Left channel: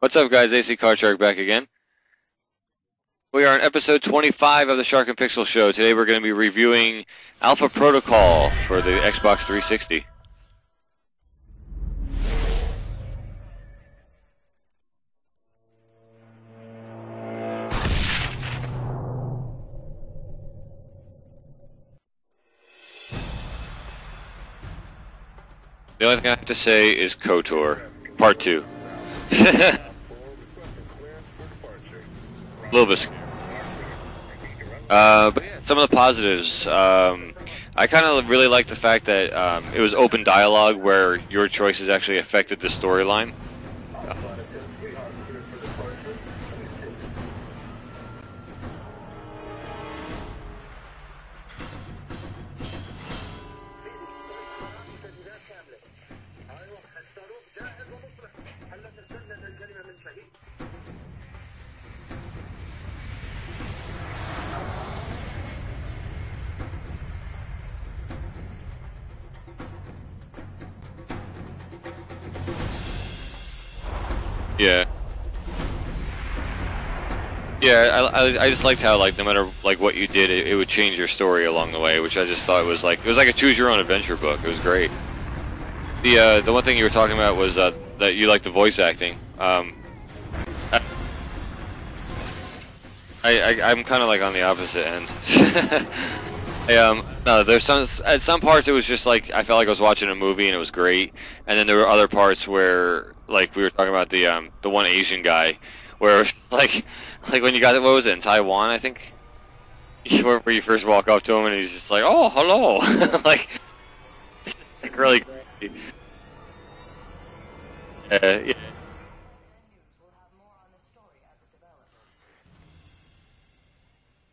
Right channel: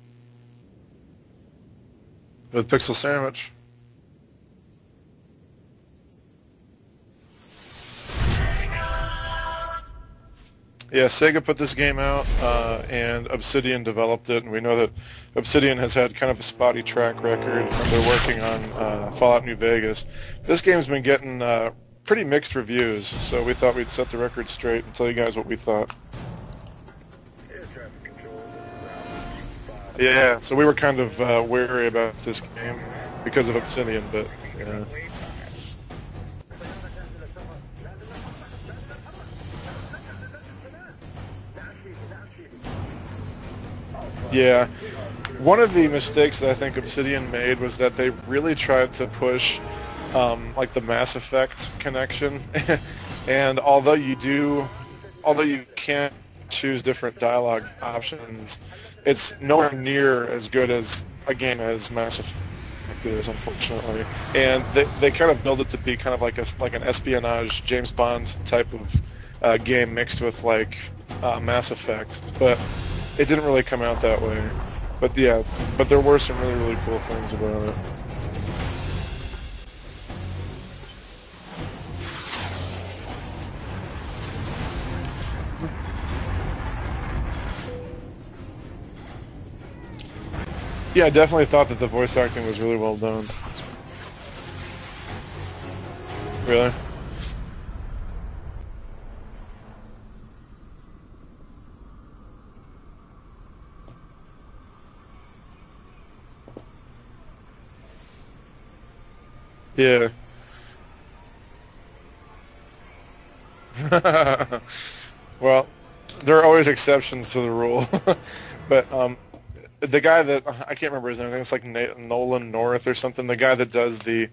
What's up, guys? AC Card Shark back again. With Pixel Sandwich. We are on episode 25 of the Shark and Pixel Show. Today we're going to be reviewing Alpha Protocol for the Xbox 360. Yeah, Sega put this game out, and Obsidian developed it, and we know that Obsidian has had kind of a spotty track record. They're working on Fallout New Vegas. This game's been getting pretty mixed reviews, so we thought we'd set the record straight and tell you guys what we thought. The only thing I have to say is KOTOR, Part 2. Yeah, so we were kind of wary about this game. A little bit. Because of Obsidian, but... But some of the positives, I kind of really like the fact that it was open dialogue where your choices actually affected the storyline. Yeah. One of the mistakes that I think Obsidian made was that they really tried to push like the Mass Effect connection. And although you can choose different dialogue options, it's nowhere near as good as a game as Mass Effect is, unfortunately. And they kind of build it to be kind of like an espionage James Bond type of game mixed with like Mass Effect, but it didn't really come out that way. Yeah. But there were some really cool things about it. Yeah, I just liked how like no matter like what you did, it would change your story along the way, which I just thought was like it was like a choose your own adventure book. It was great. The one thing you were talking about was that you like the voice acting. Yeah, I definitely thought that the voice acting was really well done. I'm kind of like on the opposite end. Really? No, there's at some parts it was just like I felt like I was watching a movie and it was great, and then there were other parts where like we were talking about the one Asian guy, where like when you got it, what was it, in Taiwan, I think? Yeah. Where you first walk up to him and he's just like, oh, hello, like really. Well, there are always exceptions to the rule. Yeah. But the guy that I can't remember his name, I think it's like Nolan North or something. The guy that does the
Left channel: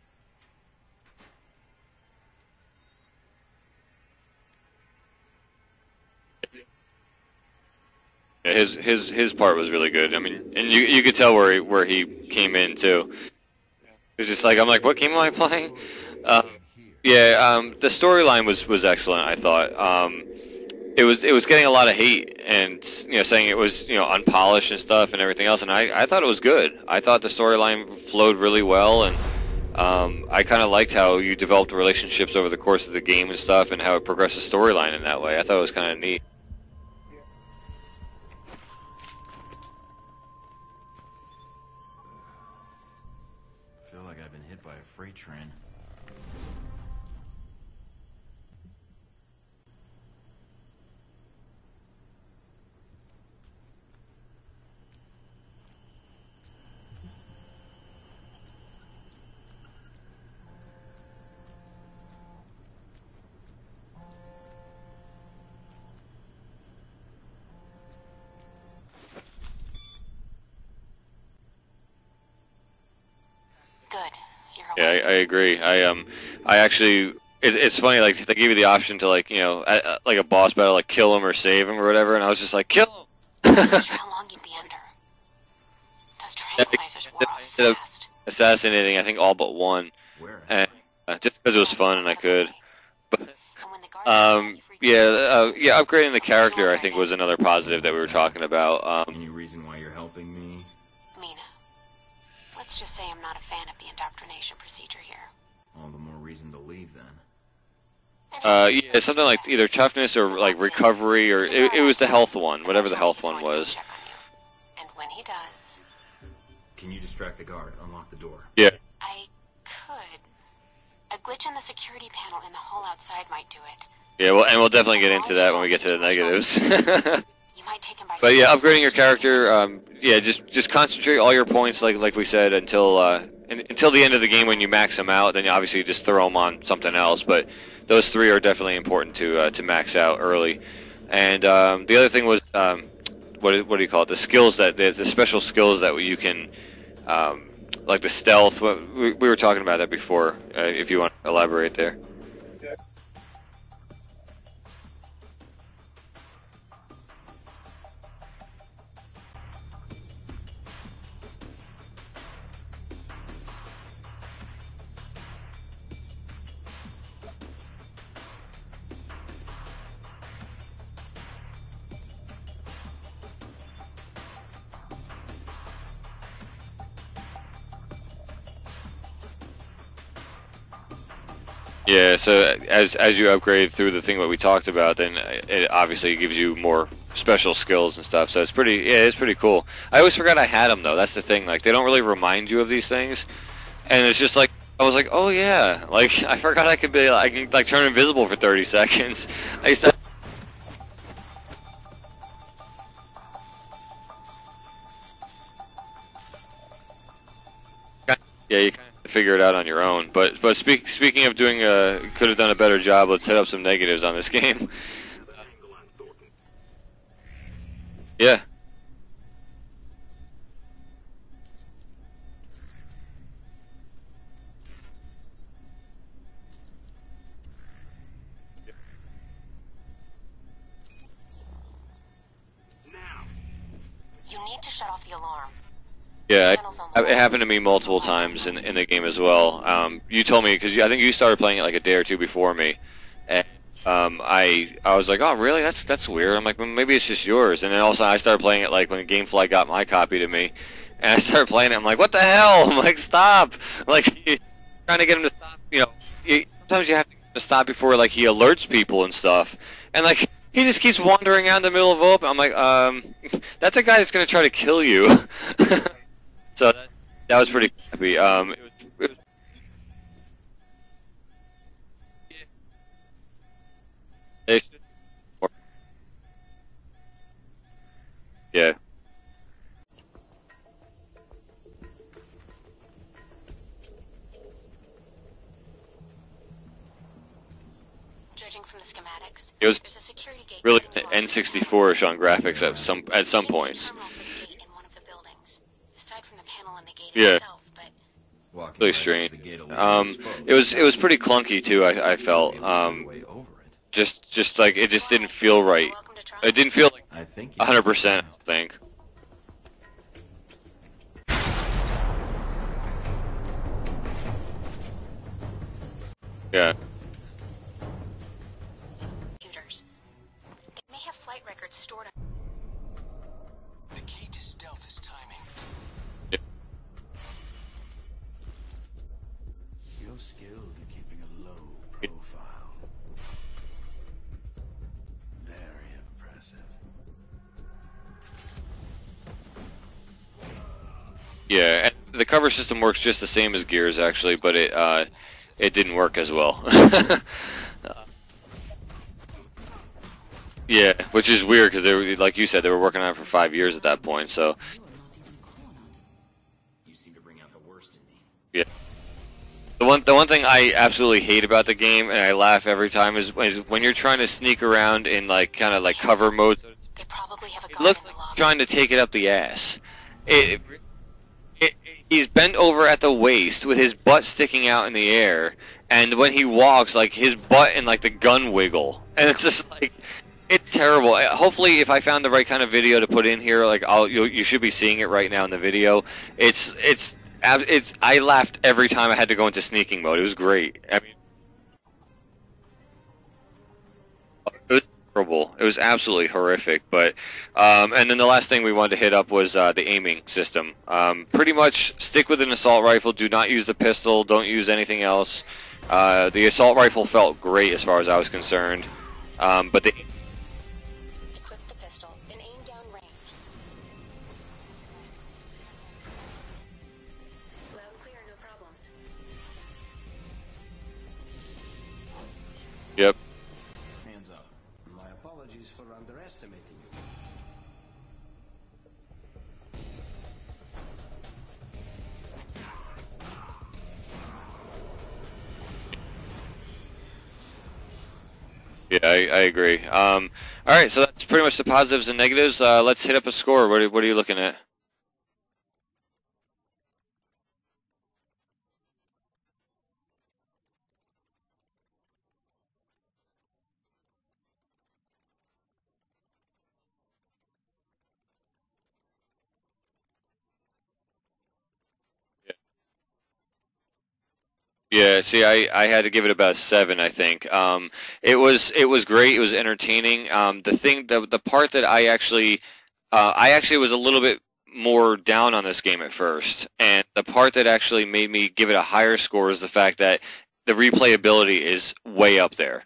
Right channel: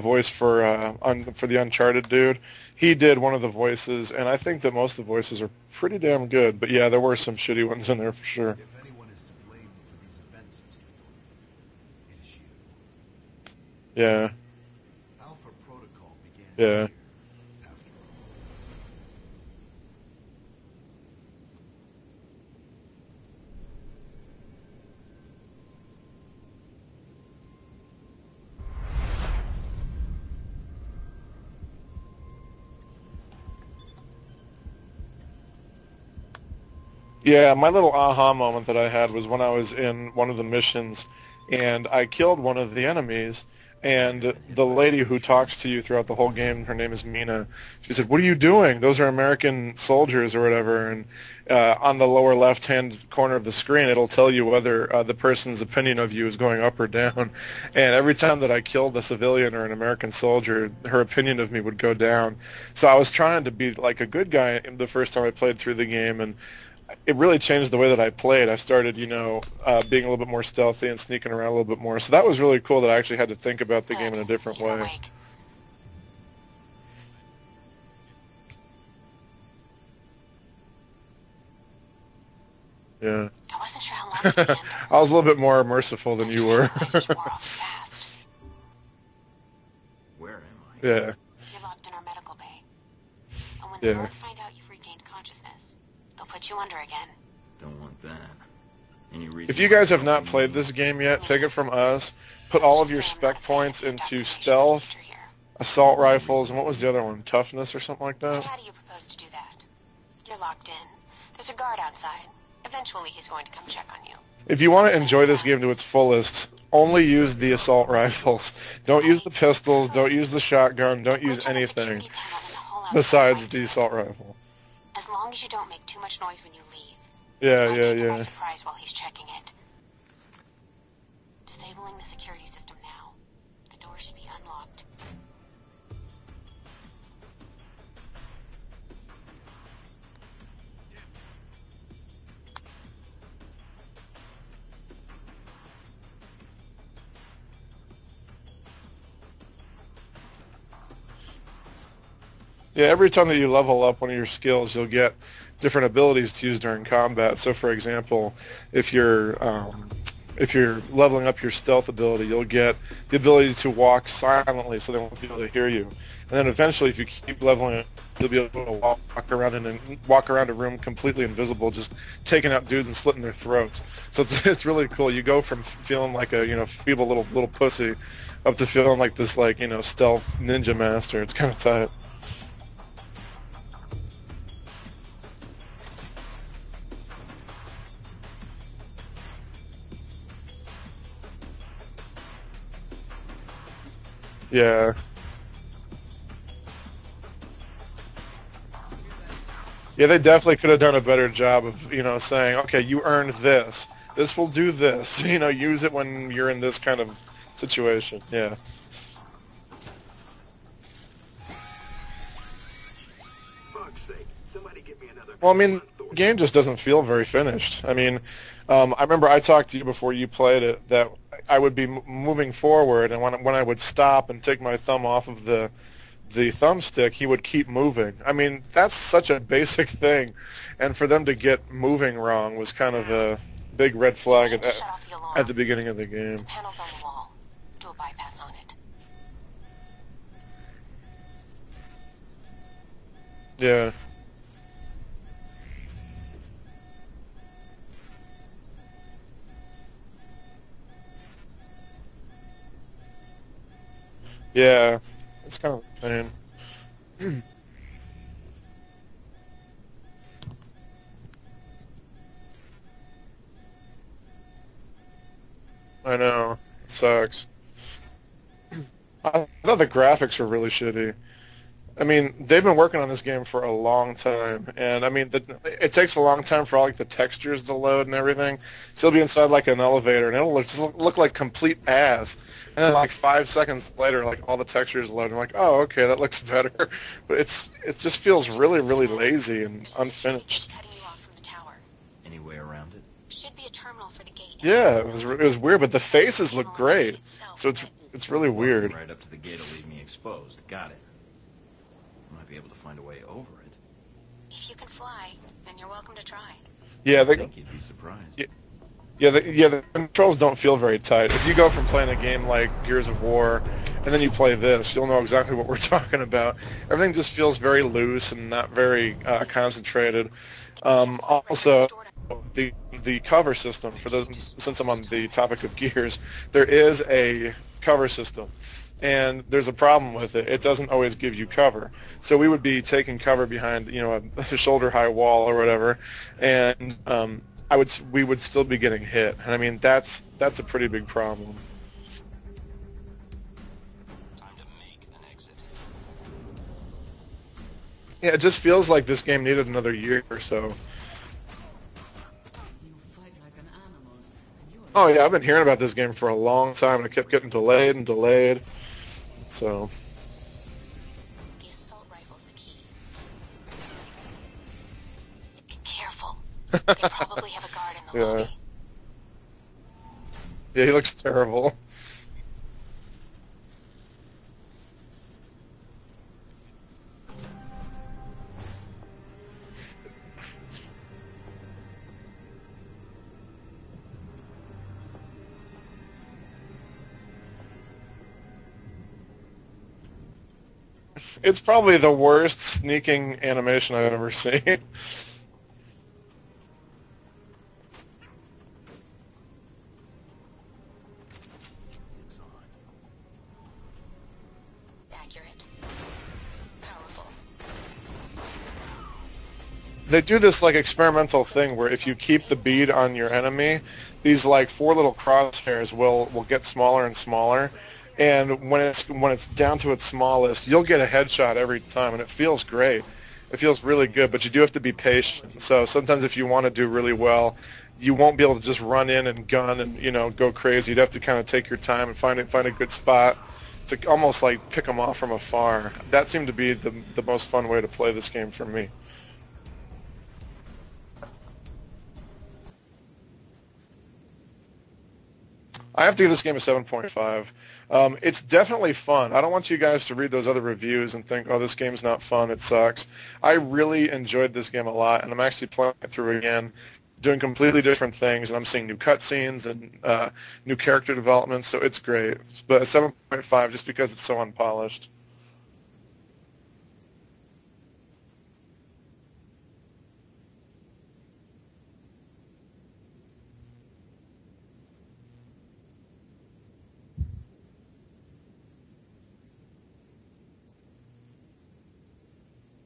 voice for the Uncharted dude, he did one of the voices, and I think that most of the voices are pretty damn good. But yeah, there were some shitty ones in there for sure. Yeah, his part was really good. I mean, and you could tell where he came in too. Yeah. It's just like I'm like, what game am I playing? Yeah. Yeah. The storyline was excellent. I thought. It was getting a lot of hate and saying it was unpolished and stuff and everything else, and I thought it was good. I thought the storyline flowed really well, and I kind of liked how you developed relationships over the course of the game and stuff, and how it progressed the storyline in that way. I thought it was kind of neat. Yeah, my little aha moment that I had was when I was in one of the missions, and I killed one of the enemies. And the lady who talks to you throughout the whole game, her name is Mina, she said, what are you doing? Those are American soldiers or whatever. And on the lower left-hand corner of the screen, it'll tell you whether the person's opinion of you is going up or down. And every time that I killed a civilian or an American soldier, her opinion of me would go down. So I was trying to be like a good guy the first time I played through the game, and it really changed the way that I played. I started, being a little bit more stealthy and sneaking around a little bit more. So that was really cool that I actually had to think about the game in a different way. Yeah, I agree. I actually, it's funny, like they gave you the option to like like a boss battle, like kill him or save him or whatever, and I was just like, kill him. Yeah. I was a little bit more merciful than you were. Assassinating, I think all but one. And, yeah. Just because it was fun and I could. But, yeah. Upgrading the character I think was another positive that we were talking about. If you guys have not played this game yet, take it from us. Put all of your spec points into stealth, assault rifles, and what was the other one? Toughness or something like that? Yeah, something like either toughness or like recovery, or it was the health one, whatever the health one was. If you want to enjoy this game to its fullest, only use the assault rifles. Yeah. Don't use the pistols, don't use the shotgun, don't use anything besides the assault rifle. Yeah, well, and we'll definitely get into that when we get to the negatives. Yeah. But yeah, upgrading your character, just concentrate all your points, like we said, until the end of the game when you max them out. Then you obviously just throw them on something else. But those three are definitely important to max out early. And the other thing was what do you call it? The skills the special skills that you can. Like the stealth, we were talking about that before, if you want to elaborate there. Yeah, every time that you level up one of your skills, you'll get different abilities to use during combat. So, for example, if you're leveling up your stealth ability, you'll get the ability to walk silently so they won't be able to hear you. And then eventually, if you keep leveling you'll be able to walk around a room completely invisible, just taking out dudes and slitting their throats. So it's really cool. You go from feeling like a feeble little pussy up to feeling like this stealth ninja master. It's kind of tight. Yeah, so as you upgrade through the thing that we talked about, then it obviously gives you more special skills and stuff. So it's pretty cool. I always forgot I had them though. That's the thing. Like they don't really remind you of these things, and it's just like I was like, oh yeah, like I forgot I can like turn invisible for 30 seconds. Yeah, they definitely could have done a better job of saying, okay, you earned this. This will do this. Use it when you're in this kind of situation. Yeah, you can figure it out on your own. But speaking of doing could have done a better job, let's hit up some negatives on this game. Well, I mean, the game just doesn't feel very finished. I mean, yeah. I remember I talked to you before you played it that I would be moving forward, and when I would stop and take my thumb off of the thumbstick, he would keep moving. I mean, that's such a basic thing, and for them to get moving wrong was kind of a big red flag at the beginning of the game. Yeah, it happened to me multiple times in the game as well. You told me, because I think you started playing it like a day or two before me. And, I was like, oh really? That's weird. I'm like, well, maybe it's just yours. And then also I started playing it like when GameFly got my copy to me, and I started playing it. I'm like, what the hell? I'm like, stop! Like, trying to get him to stop. Sometimes you have to get him to stop before like he alerts people and stuff, and like he just keeps wandering out in the middle of open. I'm like, that's a guy that's gonna try to kill you. I know. So that was pretty creepy. I thought the graphics were really shitty. I mean, they've been working on this game for a long time, and I mean, it takes a long time for all like the textures to load and everything. Yeah. So you'll be inside like an elevator, and it'll just look like complete ass. And then like 5 seconds later, like all the textures load. I'm like, oh, okay, that looks better. But it just feels really, really lazy. It was unfinished. Really N64ish on graphics at some points. Yeah, it was weird, but the faces look great. Yeah. So it's really weird. Really strange. It was pretty clunky too. I felt just like it just didn't feel right. It didn't feel like 100%. I think. Yeah, the controls don't feel very tight. If you go from playing a game like Gears of War, and then you play this, you'll know exactly what we're talking about. Yeah. Everything just feels very loose and not very concentrated. Also, the cover system, since I'm on the topic of Gears, there is a cover system, and there's a problem with it. It doesn't always give you cover. So we would be taking cover behind, a shoulder-high wall or whatever, and we would still be getting hit. And I mean, that's a pretty big problem. Yeah, and the cover system works just the same as Gears actually, but it didn't work as well. Yeah, it just feels like this game needed another year or so. Yeah, which is weird because like you said, they were working on it for 5 years at that point. So. Oh yeah, I've been hearing about this game for a long time, and it kept getting delayed and delayed. Yeah. So. The one thing I absolutely hate about the game, and I laugh every time, is when you're trying to sneak around in like kind of like cover mode. Trying to take it up the ass. Yeah, he looks terrible. He's bent over at the waist with his butt sticking out in the air. And when he walks, like, his butt and, like, the gun wiggle. And it's just, like, it's terrible. Hopefully, if I found the right kind of video to put in here, like, you should be seeing it right now in the video. I laughed every time I had to go into sneaking mode. It was great. I mean, it's probably the worst sneaking animation I've ever seen. It was terrible. It was absolutely horrific. But, and then the last thing we wanted to hit up was the aiming system. Pretty much stick with an assault rifle. Do not use the pistol. Don't use anything else. The assault rifle felt great as far as I was concerned, but they do this like experimental thing where if you keep the bead on your enemy, these like 4 little crosshairs will get smaller and smaller, and when it's down to its smallest, you'll get a headshot every time, and it feels great. Yep. It feels really good, but you do have to be patient. So sometimes if you want to do really well, you won't be able to just run in and gun and go crazy. You'd have to kind of take your time and find a good spot to almost like pick them off from afar. That seemed to be the most fun way to play this game for me. Yeah, I agree. All right, so that's pretty much the positives and negatives. Let's hit up a score. What are you looking at? I have to give this game a 7.5. It's definitely fun. I don't want you guys to read those other reviews and think, oh, this game's not fun, it sucks. I really enjoyed this game a lot, and I'm actually playing it through again doing completely different things, and I'm seeing new cutscenes and new character development, so it's great. But a 7.5 just because it's so unpolished. Yeah, see, I had to give it about a 7, I think. It was great. It was entertaining. The part that I actually was a little bit more down on this game at first, and the part that actually made me give it a higher score is the fact that the replayability is way up there.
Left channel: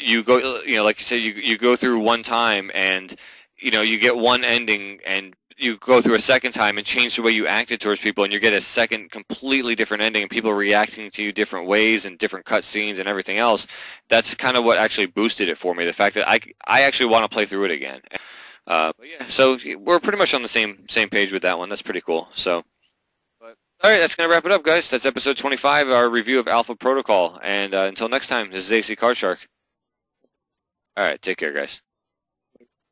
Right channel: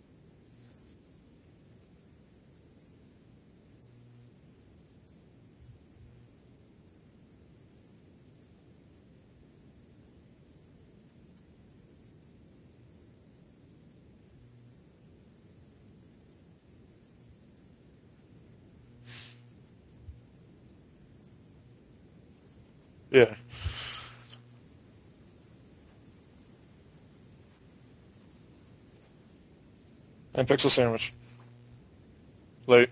You go, like you said, you go through one time, and you get one ending, and you go through a second time and change the way you acted towards people, and you get a second completely different ending, and people reacting to you different ways and different cutscenes and everything else. That's kind of what actually boosted it for me. The fact that I actually want to play through it again. But yeah, so we're pretty much on the same page with that one. That's pretty cool. So. Yeah. All right, that's going to wrap it up, guys. That's episode 25, our review of Alpha Protocol. And until next time, this is AC Card Shark. And Pixel Sandwich. All right, take care, guys. Late.